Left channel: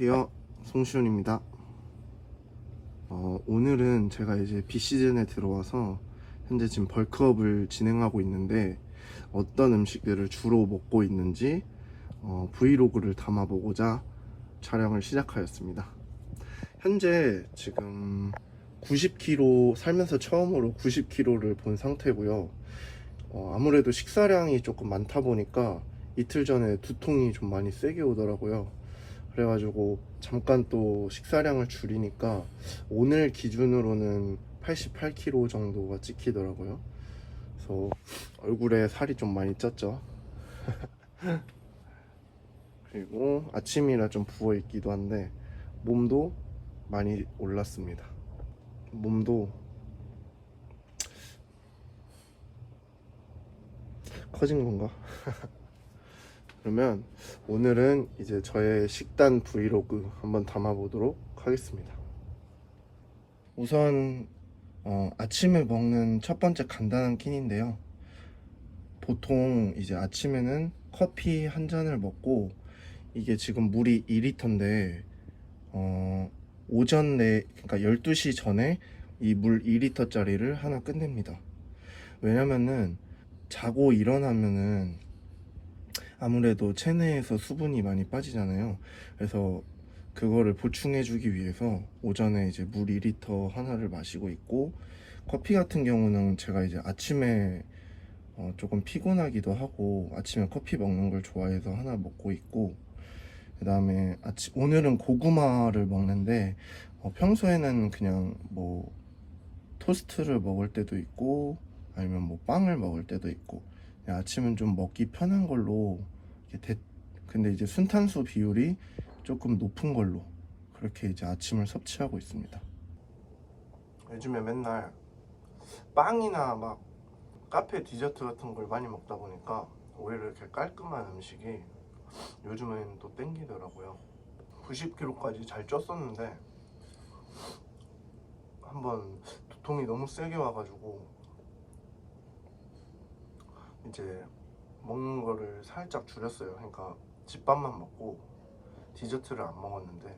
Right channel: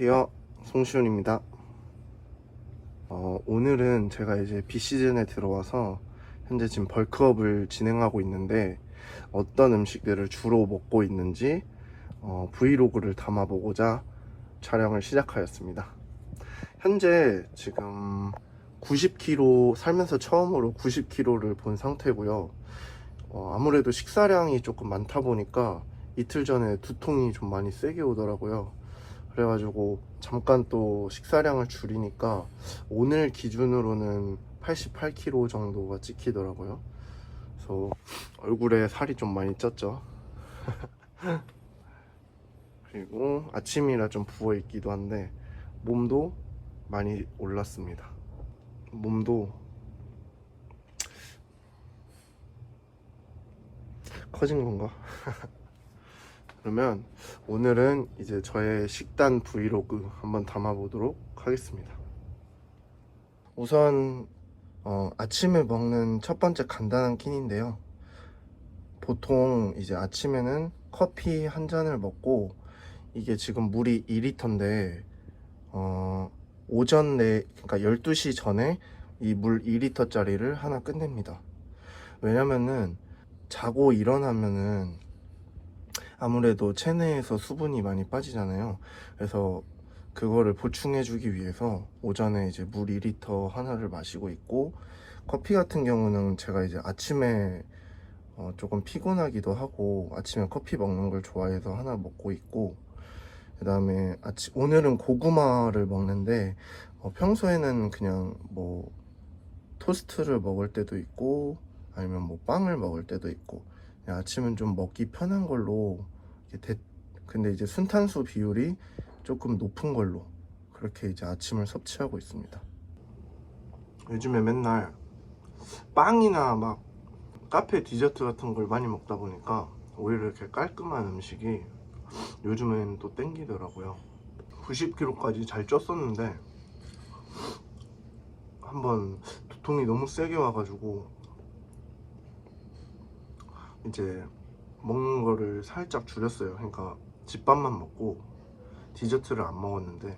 안녕하세요, 송시훈입니다. 오늘은 제가 이제 비시즌에 들어와서 현재 지금 벌크업을 진행하고 있는데 어떤 음식들을 주로 먹고 있는지 브이로그를 담아보고자 촬영을 시작하였습니다. 현재 지금 90kg, 살면서 처음으로 90kg를 본 상태고요. 아무래도 식사량이 조금 많다 보니까 이틀 전에 두통이 좀 많이 세게 오더라고요. 그래가지고 잠깐 또 식사량을 줄이니까 오늘 기준으로는 88kg 정도가 찍히더라고요. 그래서 얼굴에 살이 좀 많이 쪘죠. 그리고 아침이라 좀 부어있기도 한데 몸도 많이 올랐습니다. 몸도 커진 건가? 그러면 오늘은 이제 저의 식단 브이로그 한번 담아보도록 하겠습니다. 우선 아침에 먹는 첫 번째 간단한 끼니인데요. 보통 이제 아침에는 커피 한 잔을 먹고, 이게 지금 물이 2리터인데 오전 내, 그러니까 12시 전에 이 물 2리터짜리를 하나 끝냅니다. 왜냐면은 자고 일어나면은 아무래도 체내에서 수분이 많이 빠지잖아요. 그래서 그거를 보충해 주기 위해서 오전에 이제 물 2리터 하나를 마시고 있고, 커피 같은 경우는 제가 이제 아침에 조금 피곤하기도 하고 아침에 커피 먹는 걸 좋아해서 하나 먹고 있고, 그 다음에 오늘은 고구마를 먹는데 평소에는 그냥 뭐 토스트를 먹을 때도 있고 아니면 뭐 빵을 먹을 때도 있고, 아침은 좀 먹기 편한 걸로 근데 이제 순탄수 비율이 조금 높은 걸로 그렇게 이제 아침을 섭취하고 있습니다. 요즘에 맨날 빵이나 막 카페 디저트 같은 걸 많이 먹다 보니까 오히려 이렇게 깔끔한 음식이 요즘엔 또 땡기더라고요. 90kg까지 잘 쪘었는데 한번 두통이 너무 세게 와가지고 이제 먹는 거를 살짝 줄였어요. 그러니까 집밥만 먹고 디저트를 안 먹었는데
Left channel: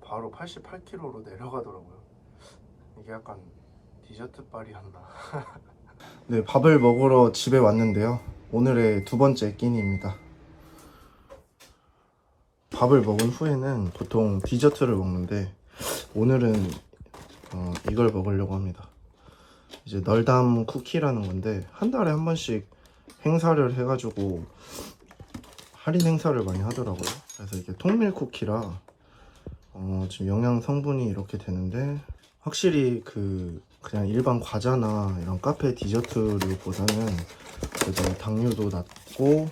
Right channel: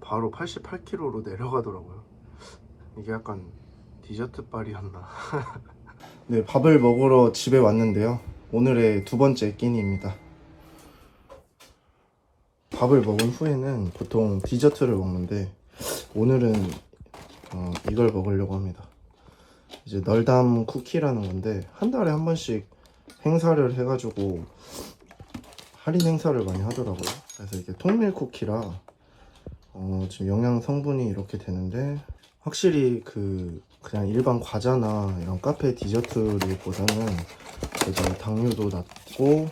바로 88kg로 내려가더라고요. 이게 약간 디저트 빨이었나. 네, 밥을 먹으러 집에 왔는데요. 오늘의 두 번째 끼니입니다. 밥을 먹은 후에는 보통 디저트를 먹는데 오늘은 이걸 먹으려고 합니다. 이제 널담 쿠키라는 건데 한 달에 한 번씩 행사를 해가지고 할인 행사를 많이 하더라고요. 그래서 이게 통밀 쿠키라 지금 영양 성분이 이렇게 되는데, 확실히 그냥 일반 과자나 이런 카페 디저트류보다는 그래도 당류도 낮고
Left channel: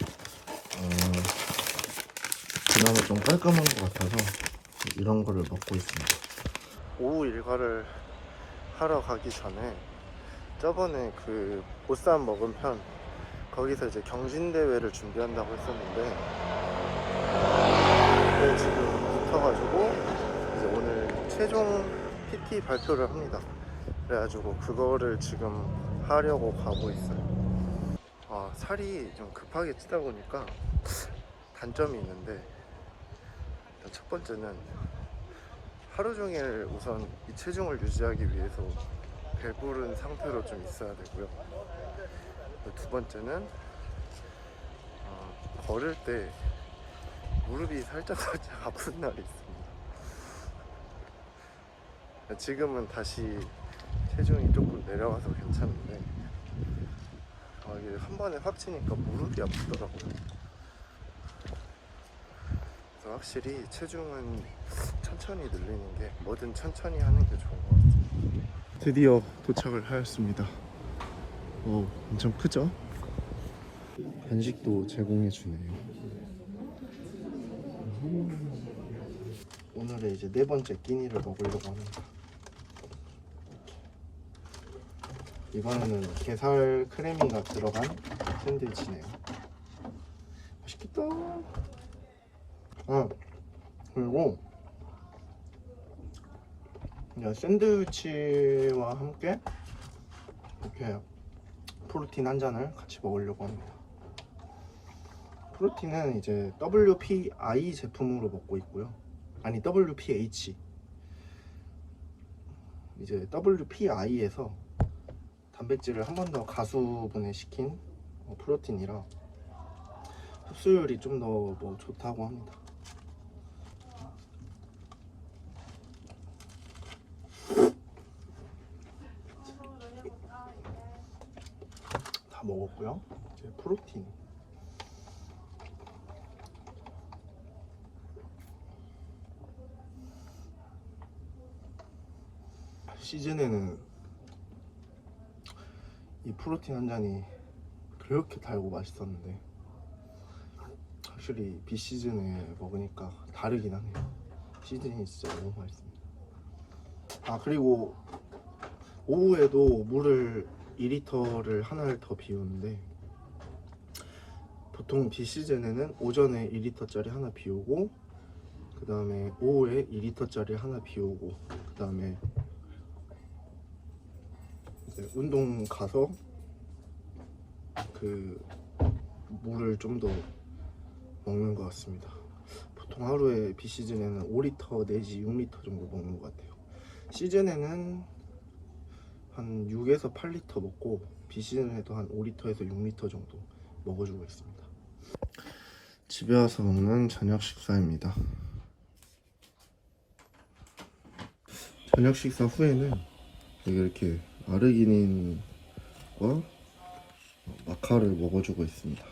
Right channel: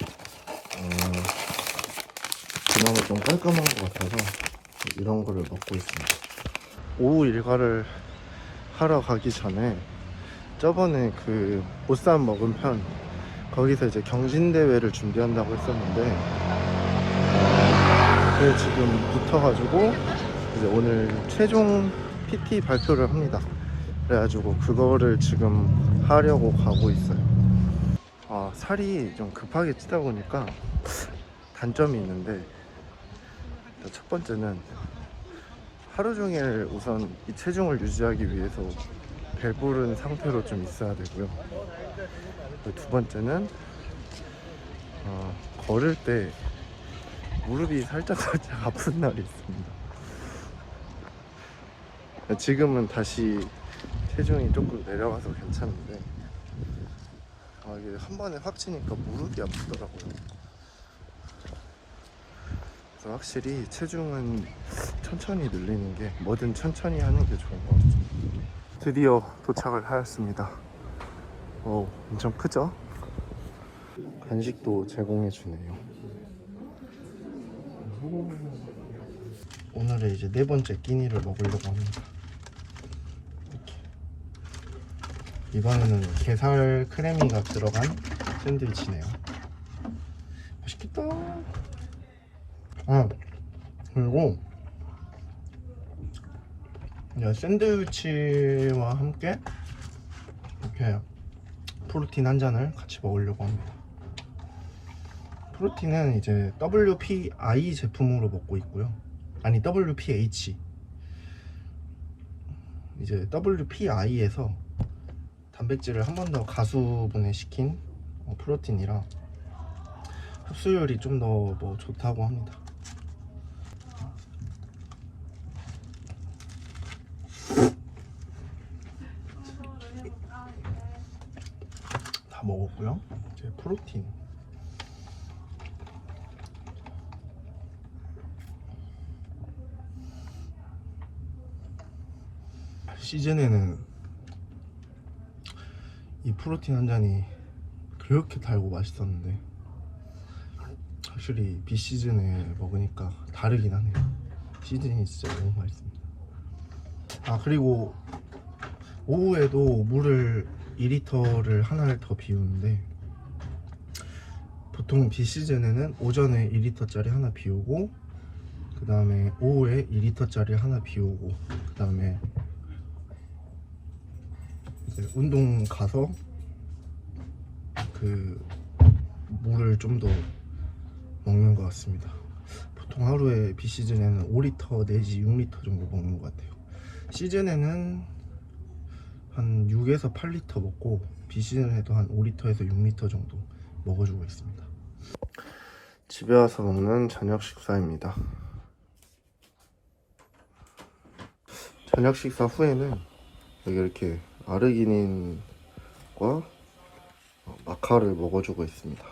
그나마 좀 깔끔한 것 같아서 이런 거를 먹고 있습니다. 오후 일과를 하러 가기 전에 저번에 그 보쌈 먹은 편, 거기서 이제 경진대회를 준비한다고 했었는데 그게 지금 붙어가지고 이제 오늘 최종 PT 발표를 합니다. 그래가지고 그거를 지금 하려고 가고 있어요. 살이 좀 급하게 찌다 보니까 단점이 있는데, 첫 번째는 하루 종일 우선 이 체중을 유지하기 위해서 배부른 상태로 좀 있어야 되고요. 두 번째는 걸을 때 무릎이 살짝 아픈 날이 있습니다. 지금은 다시 체중이 조금 내려가서 괜찮은데 이게 한 번에 확 치니까 무릎이 아프더라고요. 그래서 확실히 체중은 천천히 늘리는 게, 뭐든 천천히 하는 게 좋은 것 같아요. 드디어 도착을 하였습니다. 엄청 크죠? 간식도 제공해 주네요. 오늘의 이제 네 번째 끼니를 먹으려고 합니다. 이번에는 게살 크래미가 들어간 샌드위치네요. 맛있겠다. 그리고 샌드위치와 함께 이렇게 프로틴 한 잔을 같이 먹으려고 합니다. 프로틴은 이제 WPI 제품으로 먹고 있고요. 아니 WPH. 이제 WPI에서 단백질을 한 번 더 가수분해시킨 프로틴이라 흡수율이 좀 더 뭐 좋다고 합니다. 다 먹었고요. 이제 프로틴. 시즌에는 이 프로틴 한 잔이 그렇게 달고 맛있었는데 확실히 비시즌에 먹으니까 다르긴 하네요. 시즌이 진짜 너무 맛있습니다. 아 그리고 오후에도 물을 2리터를 하나를 더 비우는데 보통 비시즌에는 오전에 2리터짜리 하나 비우고 그 다음에 오후에 2리터짜리 하나 비우고 그 다음에 운동 가서 그 물을 좀 더 먹는 것 같습니다. 보통 하루에 비시즌에는 5리터 내지 6리터 정도 먹는 것 같아요. 시즌에는 한 6에서 8리터 먹고 비시즌에도 한 5리터에서 6리터 정도 먹어주고 있습니다. 집에 와서 먹는 저녁 식사입니다. 저녁 식사 후에는 여기 이렇게 아르기닌과 마카를 먹어주고 있습니다.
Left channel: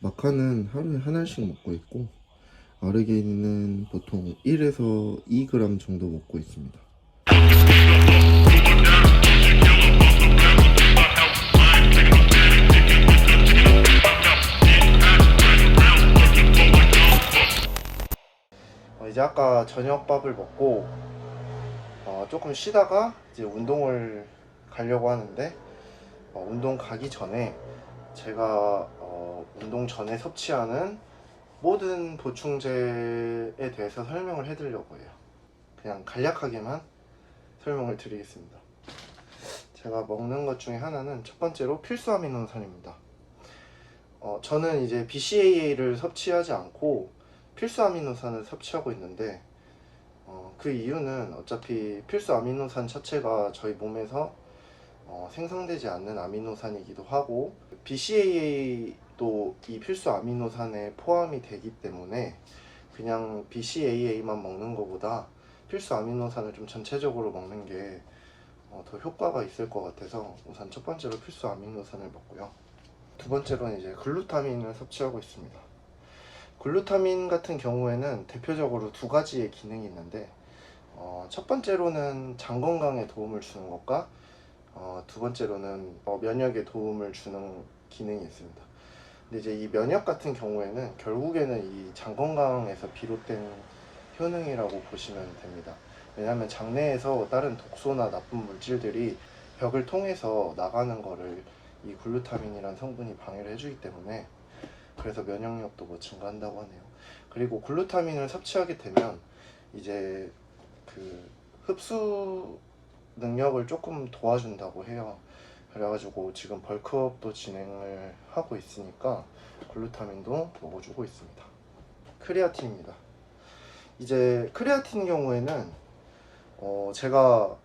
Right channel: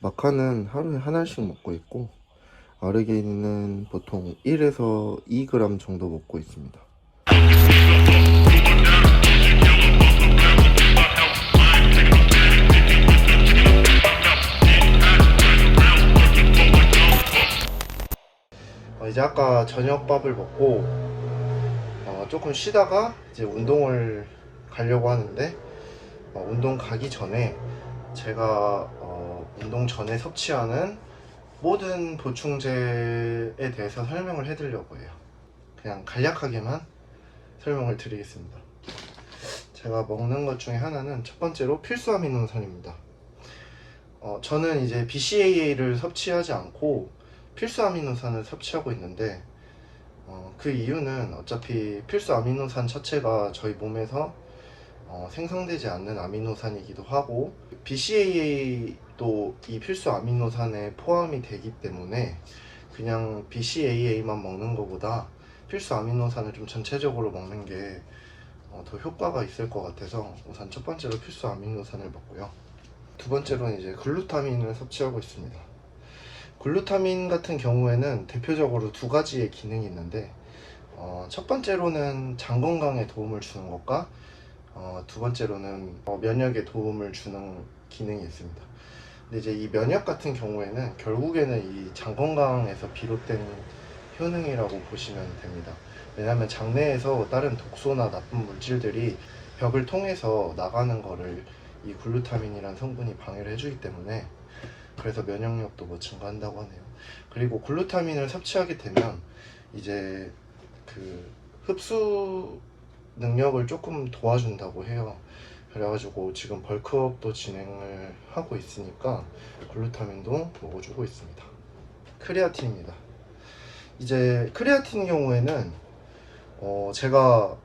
마카는 하루에 하나씩 먹고 있고 아르기닌은 보통 1에서 2g 정도 먹고 있습니다. 이제 아까 저녁밥을 먹고 조금 쉬다가 이제 운동을 가려고 하는데 운동 가기 전에 제가 운동 전에 섭취하는 모든 보충제에 대해서 설명을 해드리려고 해요. 그냥 간략하게만 설명을 드리겠습니다. 제가 먹는 것 중에 하나는 첫 번째로 필수 아미노산입니다. 저는 이제 BCAA를 섭취하지 않고 필수 아미노산을 섭취하고 있는데 그 이유는 어차피 필수 아미노산 자체가 저희 몸에서 생성되지 않는 아미노산이기도 하고 BCAA도 이 필수 아미노산에 포함이 되기 때문에 그냥 BCAA만 먹는 것보다 필수 아미노산을 좀 전체적으로 먹는 게 더 효과가 있을 것 같아서 우선 첫 번째로 필수 아미노산을 먹고요. 두 번째로는 이제 글루타민을 섭취하고 있습니다. 글루타민 같은 경우에는 대표적으로 두 가지의 기능이 있는데 첫 번째로는 장 건강에 도움을 주는 것과 두 번째로는 면역에 도움을 주는 기능이 있습니다. 근데 이제 이 면역 같은 경우에는 결국에는 이 장 건강에서 비롯된 효능이라고 보시면 됩니다. 왜냐하면 장내에서 다른 독소나 나쁜 물질들이 벽을 통해서 나가는 거를 이 글루타민이란 성분이 방해를 해주기 때문에 그래서 면역력도 뭐 증가한다고 하네요. 그리고 글루타민을 섭취하게 되면 이제 그 흡수 능력을 조금 도와준다고 해요. 그래가지고 지금 벌크업도 진행을 하고 있으니까 글루타민도 먹어주고 있습니다. 크레아틴입니다. 이제 크레아틴 경우에는 제가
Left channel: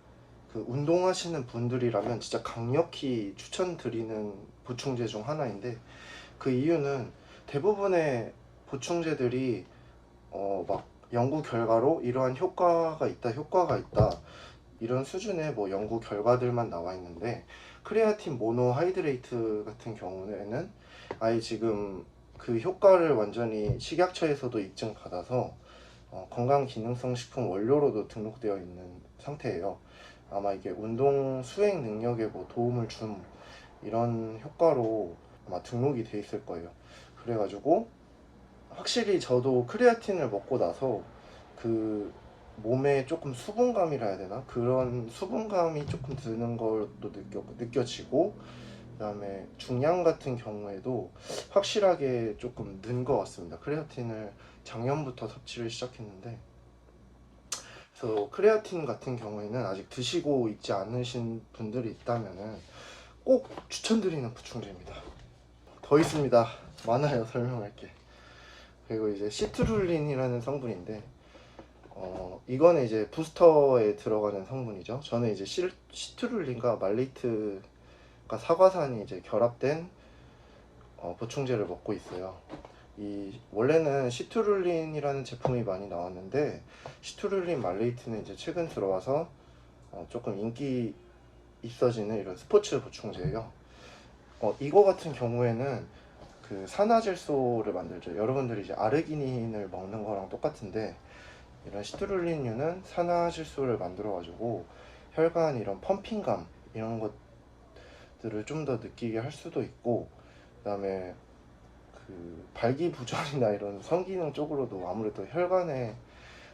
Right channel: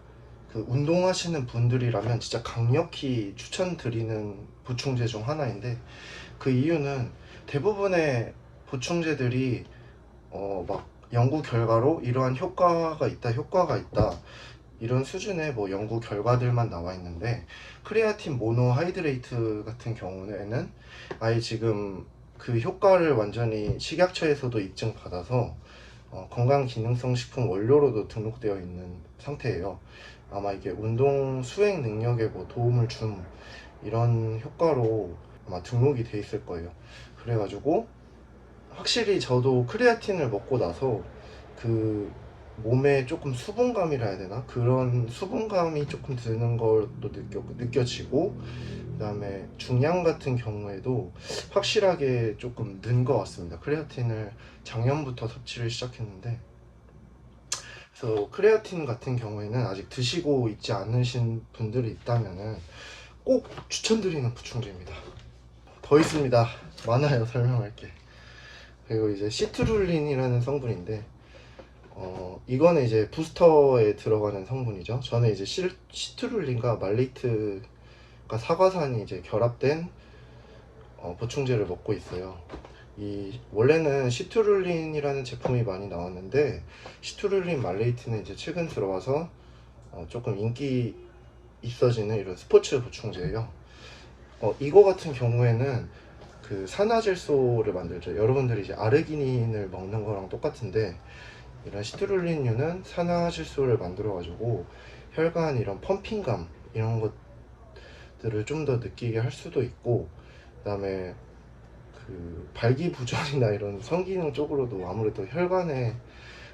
그 운동하시는 분들이라면 진짜 강력히 추천드리는 보충제 중 하나인데 그 이유는 대부분의 보충제들이 막 연구 결과로 이러한 효과가 있다 이런 수준의 뭐 연구 결과들만 나와 있는데 크레아틴 모노하이드레이트 같은 경우에는 아예 지금 그 효과를 완전히 식약처에서도 입증받아서 건강기능성 식품 원료로도 등록되어 있는 상태예요. 아마 이게 운동 수행 능력에 뭐 도움을 준 이런 효과로 아마 등록이 돼 있을 거예요. 그래가지고 확실히 저도 크레아틴을 먹고 나서 그 몸에 조금 수분감이라 해야 되나? 그런 수분감이 조금 드는 것도 느껴지고 그 다음에 중량 같은 경우에도 확실하게 조금 는 것 같습니다. 크레아틴을 작년부터 섭취를 시작했는데 그래서 크레아틴 같은 경우에는 아직 드시고 있지 않으신 분들이 있다면 꼭 추천드리는 보충제입니다. 더 있습니다. 많아요 설명할 게. 그리고 이제 시트룰린이라는 성분인데 이거는 이제 부스터에 들어가는 성분이죠. 저는 이제 시트룰린과 말레이트가 사과산이 이제 결합된 보충제를 먹고 있어요. 원래는 시트룰린이라는 제품이 많이 나왔는데 시트룰린 말레이트는 이제 최근 들어와서 조금 인기 있어지는 이런 스포츠 보충제예요. 이거 같은 경우에는 그 산화질소를 만들죠. 여러분들이 이제 아르기닌을 먹는 거랑 똑같은데 이런 시트룰린류는 산화질소를 만들어 가지고 혈관 이런 펌핑감 이런 것들을 좀 더 느끼게 할 수도 있고, 그 다음에 그 발기부전이나 이런 성기능 쪽으로도 아무래도 혈관에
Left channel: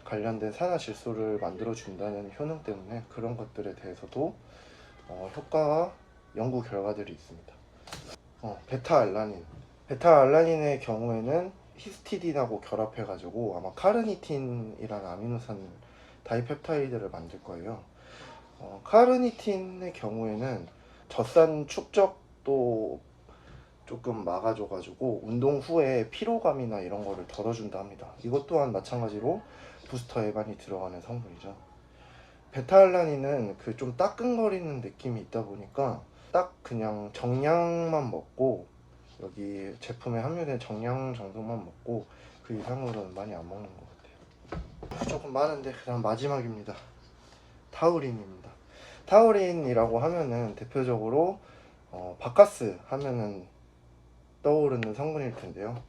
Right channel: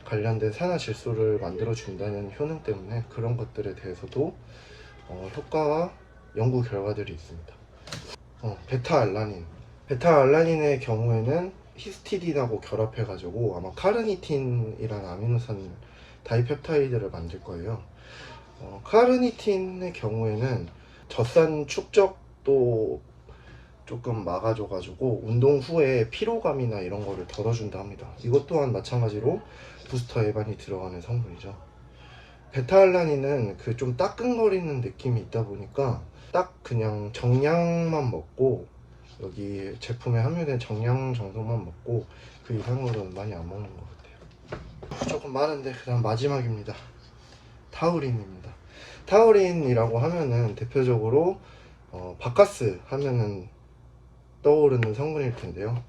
관련된 산화질소를 만들어 준다는 효능 때문에 그런 것들에 대해서도 효과와 연구 결과들이 있습니다. 베타알라닌의 경우에는 히스티딘하고 결합해 가지고 아마 카르니틴이라는 아미노산 다이펩타이드를 만들 거예요. 카르니틴의 경우에는 젖산 축적도 조금 막아줘 가지고 운동 후에 피로감이나 이런 거를 덜어준다 합니다. 이것 또한 마찬가지로 부스터에 많이 들어가는 성분이죠. 베타알라닌은 그 좀 따끔거리는 느낌이 있다 보니까 딱 그냥 정량만 먹고, 여기 제품에 함유된 정량 정도만 먹고 그 이상으로는 많이 안 먹는 것 같아요. 조금 많은데 그다음 마지막입니다. 타우린입니다. 타우린이라고 하면은 대표적으로 바카스 하면은 떠오르는 성분일 텐데요.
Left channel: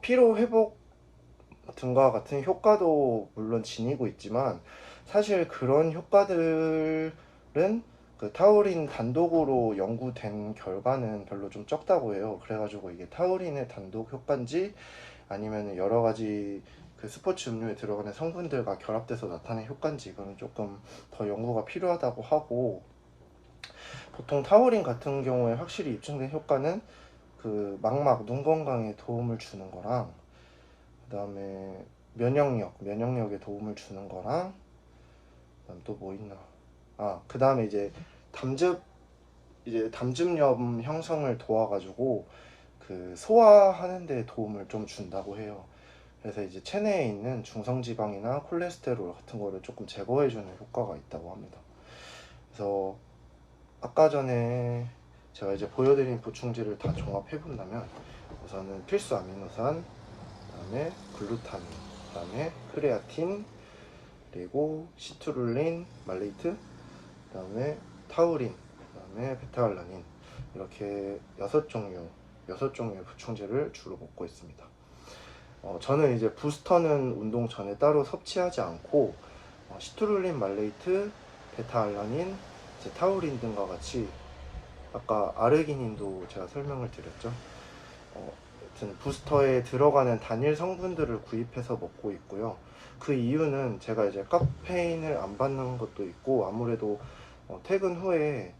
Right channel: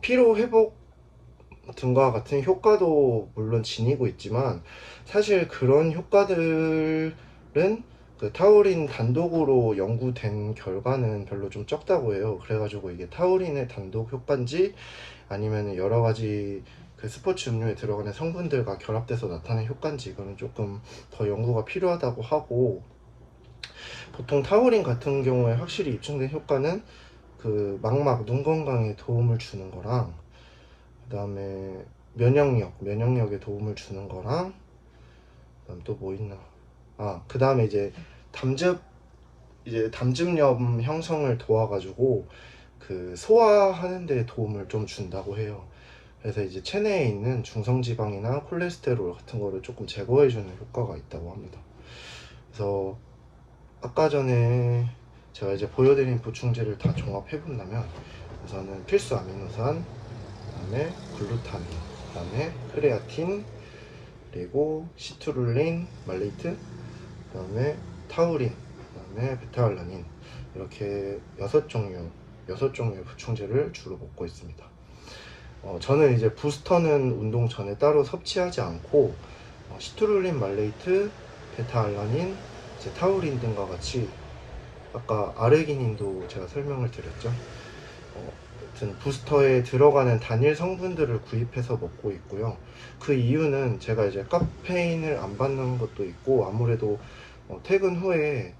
피로 회복 등과 같은 효과도 물론 지니고 있지만 사실 그런 효과들은 그 타우린 단독으로 연구된 결과는 별로 좀 적다고 해요. 그래가지고 이게 타우린의 단독 효과인지 아니면 여러 가지 그 스포츠 음료에 들어가는 성분들과 결합돼서 나타나는 효과인지 이거는 조금 더 연구가 필요하다고 하고, 보통 타우린 같은 경우에 확실히 입증된 효과는 그 망막, 눈 건강에 도움을 주는 거랑, 그 다음에 면역력에 도움을 주는 거랑, 그다음 또 뭐 있나? 그 다음에 이제 담즙염 형성을 도와가지고 그 소화하는 데 도움을 좀 준다고 해요. 그래서 이제 체내에 있는 중성지방이나 콜레스테롤 같은 거를 조금 제거해주는 효과가 있다고 합니다. 그래서 아까 전에 제가 이제 보여드린 보충제를 다 종합해본다면 우선은 필수 아미노산, 그다음에 글루타민, 그다음에 크레아틴, 그리고 시트룰린, 말레이트, 그다음에 타우린, 그다음에 베타알라닌, 이렇게 6종류의 보충제를 주로 먹고 있습니다. 저는 이제 부스터는 운동 전에 따로 섭취하지 않고 시트룰린, 말레이트, 베타알라닌, 이제 타우린 등과 같이 아까 아르기닌도 제가 설명을 드렸죠. 아무튼 부스터에 들어가는 단일 성분들을 구입해서 먹고 있고요. 그 이유는 제가 이제 카페인을 안 받는 것도 있고, 아무래도 퇴근 후에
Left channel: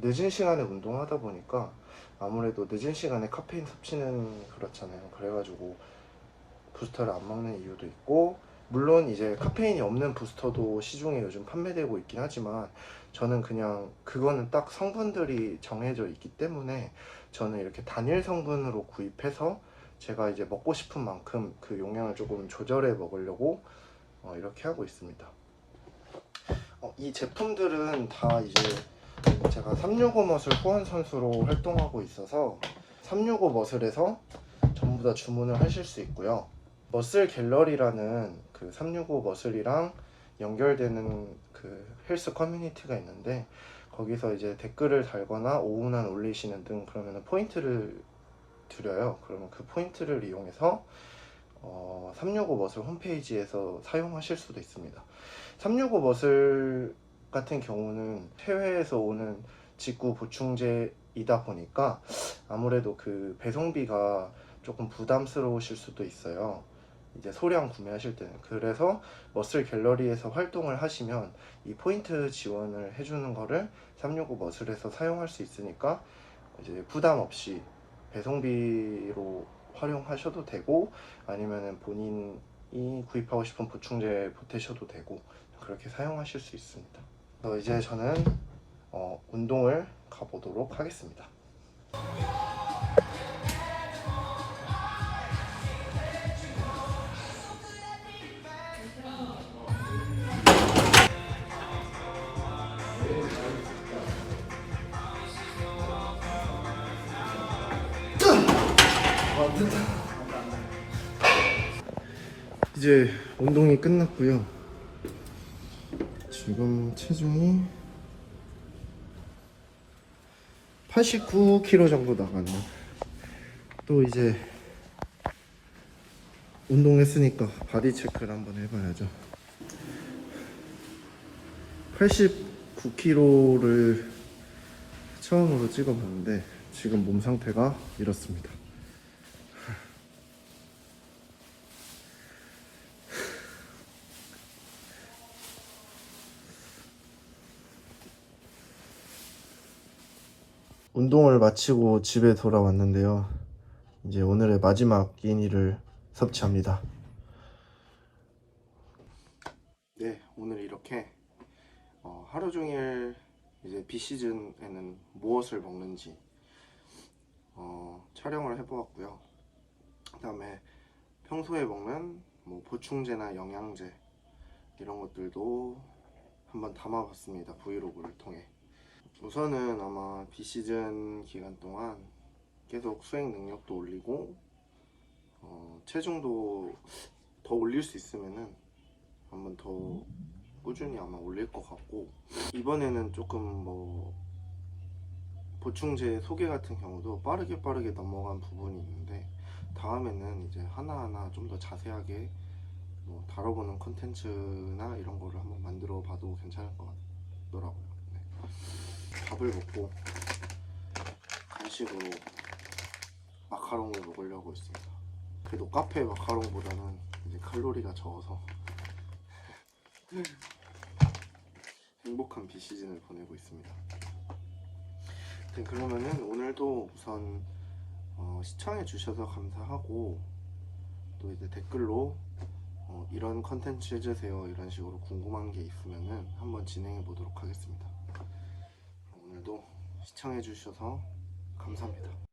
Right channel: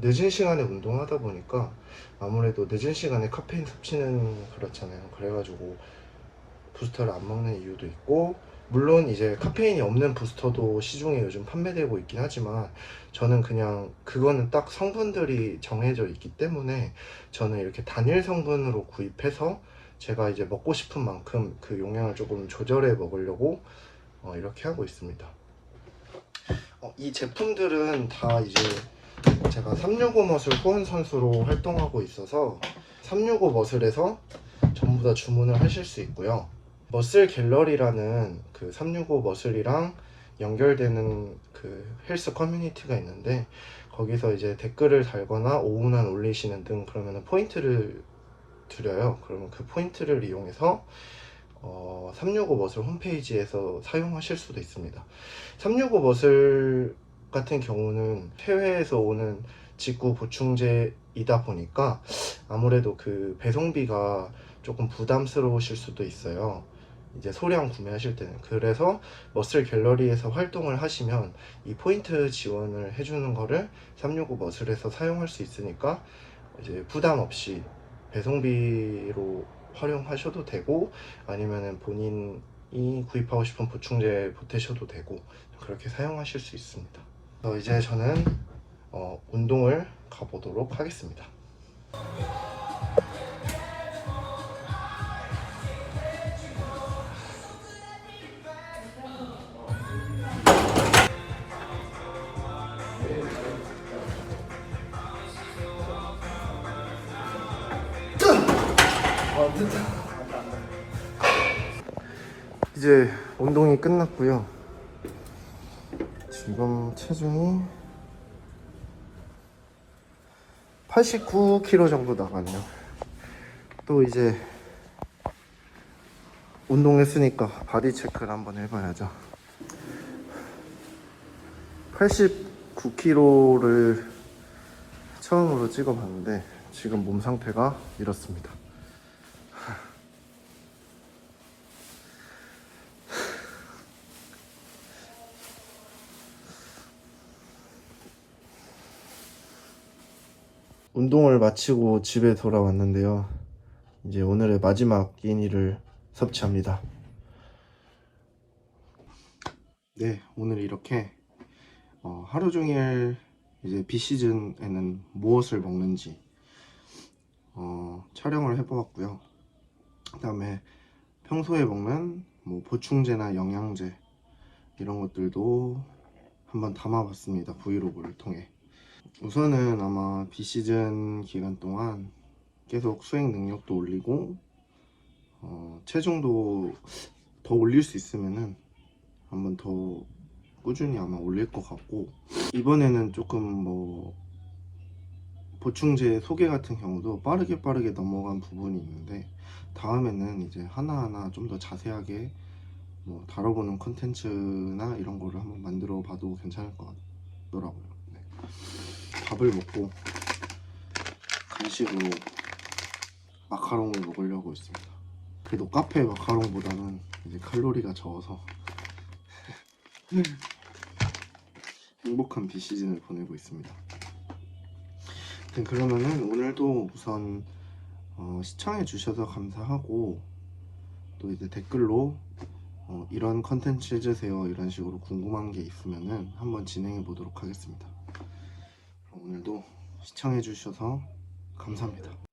늦은 시간에 운동하다 보니까 아무래도 늦은 시간에 카페인 섭취는 그렇잖아요. 그래가지고 부스터를 안 먹는 이유도 있고, 물론 이제 카페인이 없는 부스터도 시중에 요즘 판매되고 있긴 하지만 저는 그냥 그거는 딱 성분들이 정해져 있기 때문에 저는 이렇게 단일 성분으로 구입해서 제가 이제 먹고 싶은 만큼 그 용량을 조금 조절해 먹으려고 이렇게 하고 있습니다. 이 제품들은 다 이제 제가 365 머슬 후원 선수로 활동하고 있어서 365 머슬에서 전부 다 주문을 하실 수 있고요. 머슬 갤러리라는 그 365 머슬이랑 연결되는 그 헬스 커뮤니티가 있는데, 거기서 이제 댓글을 달거나 오운환 올리시는 등 그러면 포인트를 드려요. 그러면 그 포인트를 이용해서 365 머슬 홈페이지에서 사용하실 수도 있습니다. 365 머슬 같은 경우는 해외에서 오는 직구 보충제이다 보니까 아무래도 그 배송비가 조금 부담스러우실 수도 있어요. 이제 소량 구매하실 때는. 그래서 머슬 갤러리에서 활동을 하시면 이 포인트 지원을 해주는 거를 365 머슬에서 사용할 수 있으니까 이제 부담 없이 배송비로 활용하셔도 되고, 아니면은 본인이 구입하고 싶은 보충제 보태셔도 되고, 그렇게 사용하실 수 있습니다. 이제 저는 운동을 가보도록 하겠습니다. 이제 운동이 끝났고요. 지금 체중이 89kg 정도 나가네요. 또 이제 운동했으니까 바디 체크를 한번 해봐야죠. 89kg를 처음으로 찍어봤는데 지금 몸 상태가 이렇습니다. 운동을 마치고 집에 돌아왔는데요. 이제 오늘의 마지막 끼니를 섭취합니다. 네, 오늘 이렇게 하루 종일 이제 비시즌에는 무엇을 먹는지 촬영을 해보았고요. 그 다음에 평소에 먹는 뭐 보충제나 영양제 이런 것들도 한번 담아봤습니다. 브이로그를 통해. 우선은 아마 비시즌 기간 동안 계속 수행 능력도 올리고 체중도 더 올릴 수 있으면은 한번 더 꾸준히 아마 올릴 것 같고, 이번에는 조금 뭐 보충제 소개 같은 경우도 빠르게 넘어간 부분이 있는데, 다음에는 이제 하나하나 좀 더 자세하게 뭐 다뤄보는 컨텐츠나 이런 거를 한번 만들어 봐도 괜찮을 것 같더라고요. 네. 밥을 먹고 간식으로 마카롱을 먹으려고 했습니다. 그래도 카페 마카롱보다는 이제 칼로리가 적어서 행복한 비시즌을 보내고 있습니다. 그러면은 오늘도 우선 시청해 주셔서 감사하고, 또 이제 댓글로 이런 컨텐츠 해주세요 이런 식으로 궁금한 게 있으면은 한번 진행해 보도록 하겠습니다. 오늘도 시청해 주셔서 감사합니다.